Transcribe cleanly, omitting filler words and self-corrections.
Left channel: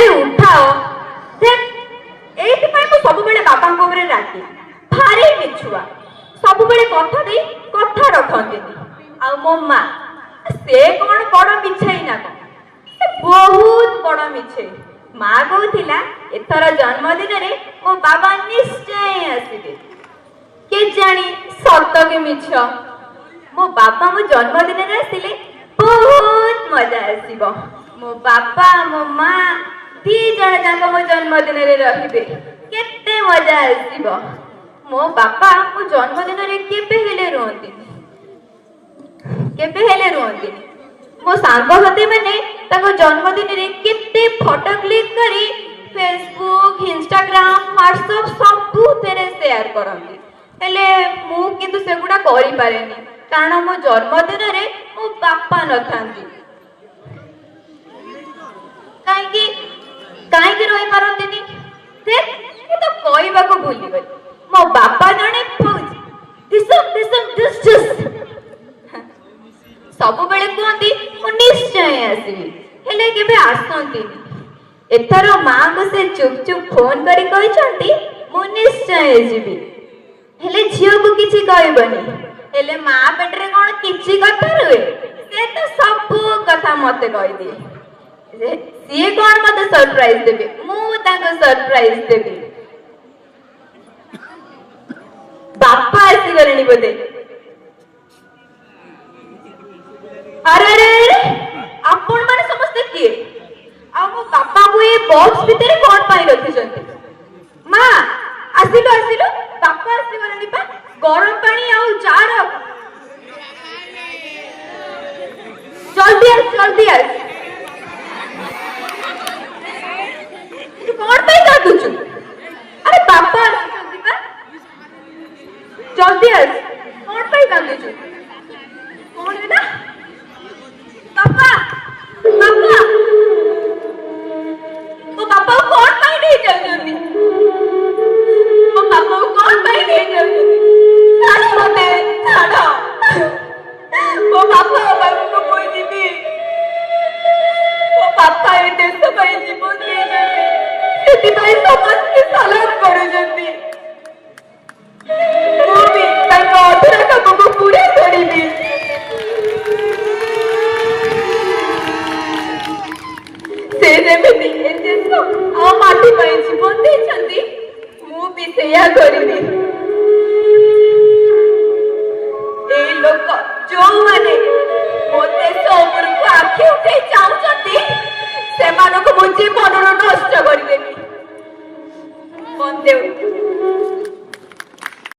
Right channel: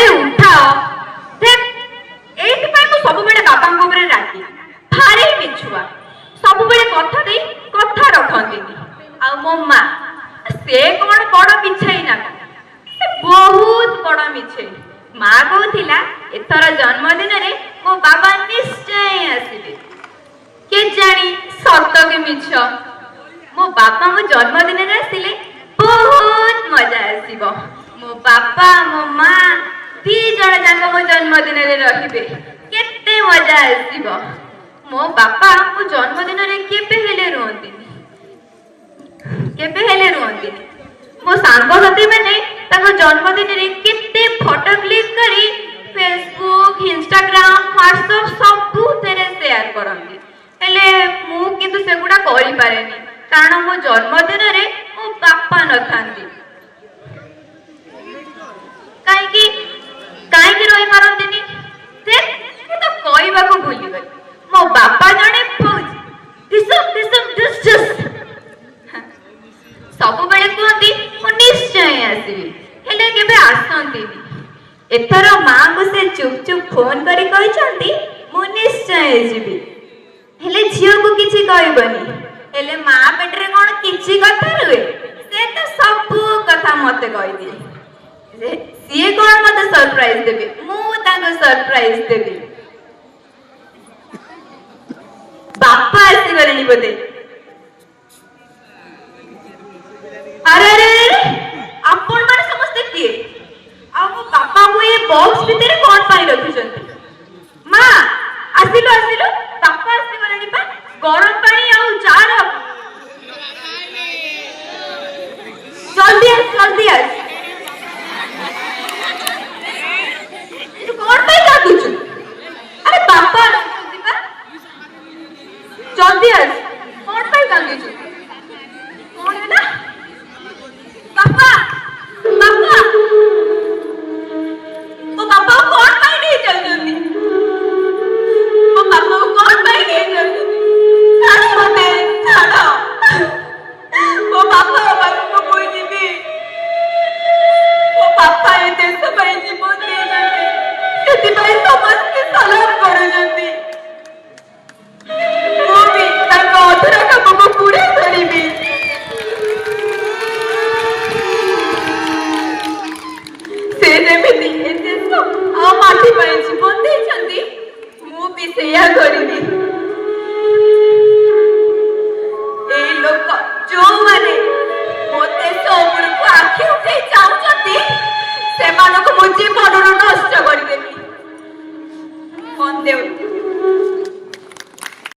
अरे उठाओ एइथिपाई मु सब बेले बाबांको उपरे रागी भारी मिछुआ सब बेले कथा दे कथा रखंती आ मो मां से कोन बड़ मिछेई ना से बहुत बड़ मिछेई मां कहूथिला एथर जन्मदिन रे मो बाबा निश्चय आसीबे के जानी सत के मिछ मो बापा मो जन्मदिन रे आसिले बहुत मजा आसीबो मो बापा मो मां दी जण जाक मो जन्मदिन रे रहिबे केते मजा आसीबो मो बापा मो जन्मदिन रे केबे हेले रुहंती मो सांग साथी माने ताको जन्मदिन रे केते फोटो क्लिक करी फेसबुक इंस्टाग्राम व्हाट्सएप सब तेरे शेयर करंती हेले मु किंतु सेगुडा करि पारेनी कारण मो जन्मदिन रे मो बापा न थांती काई रही पारंतीनी से मु तो कहबा को भूली गई मो बापा जने फौज दिस सब बेले कहती मु निश्चय आसीबी हेले केबे आसंतीनी एथर मां को से चुप चुप फोन करी कहचंती मु निश्चय जीबी हेले झियो को किछि कहबनी हेले मां पेटरे कोन किछि कथा रुए से तो सब कथा मते कहि दिए सीए कोन मते सरप्राइज देबे मु ताको सरप्राइज देबे बापा आसी गलेनी बोते अरे आपण माने समस्त किए आ मो बापा को ए बॉक्स भीतर कोन पाई रखि जंती मां आसिलो बापा आसी गलेनी पा गरम पानी आउ जार जल्दी आस तू कोन पाई काटुछु अरे बापा आसी पा जल्दी आस कोन पाई काटुछु कोन है ना बापा वो बापा को कौन पाई नहीं चल जल्दी वो बापा को कौन पाई नहीं चल जल्दी छाड़ो वो बापा को कोई जीवी वो पापा ये देश पाई जीवन दे जल्दी सेति पाई समस्त सलाम करो जल्दी वो भी ताको अधरा काम को पूरा करीबी से जेमिति एते तो आ माटी पाई जीवन दे छंती मु भी सेया करिबी ए लोक जो माने मोते सोपर को आखि उठे जाउ छंती से मानको मु जीवन नष्ट करि देबी मन देउ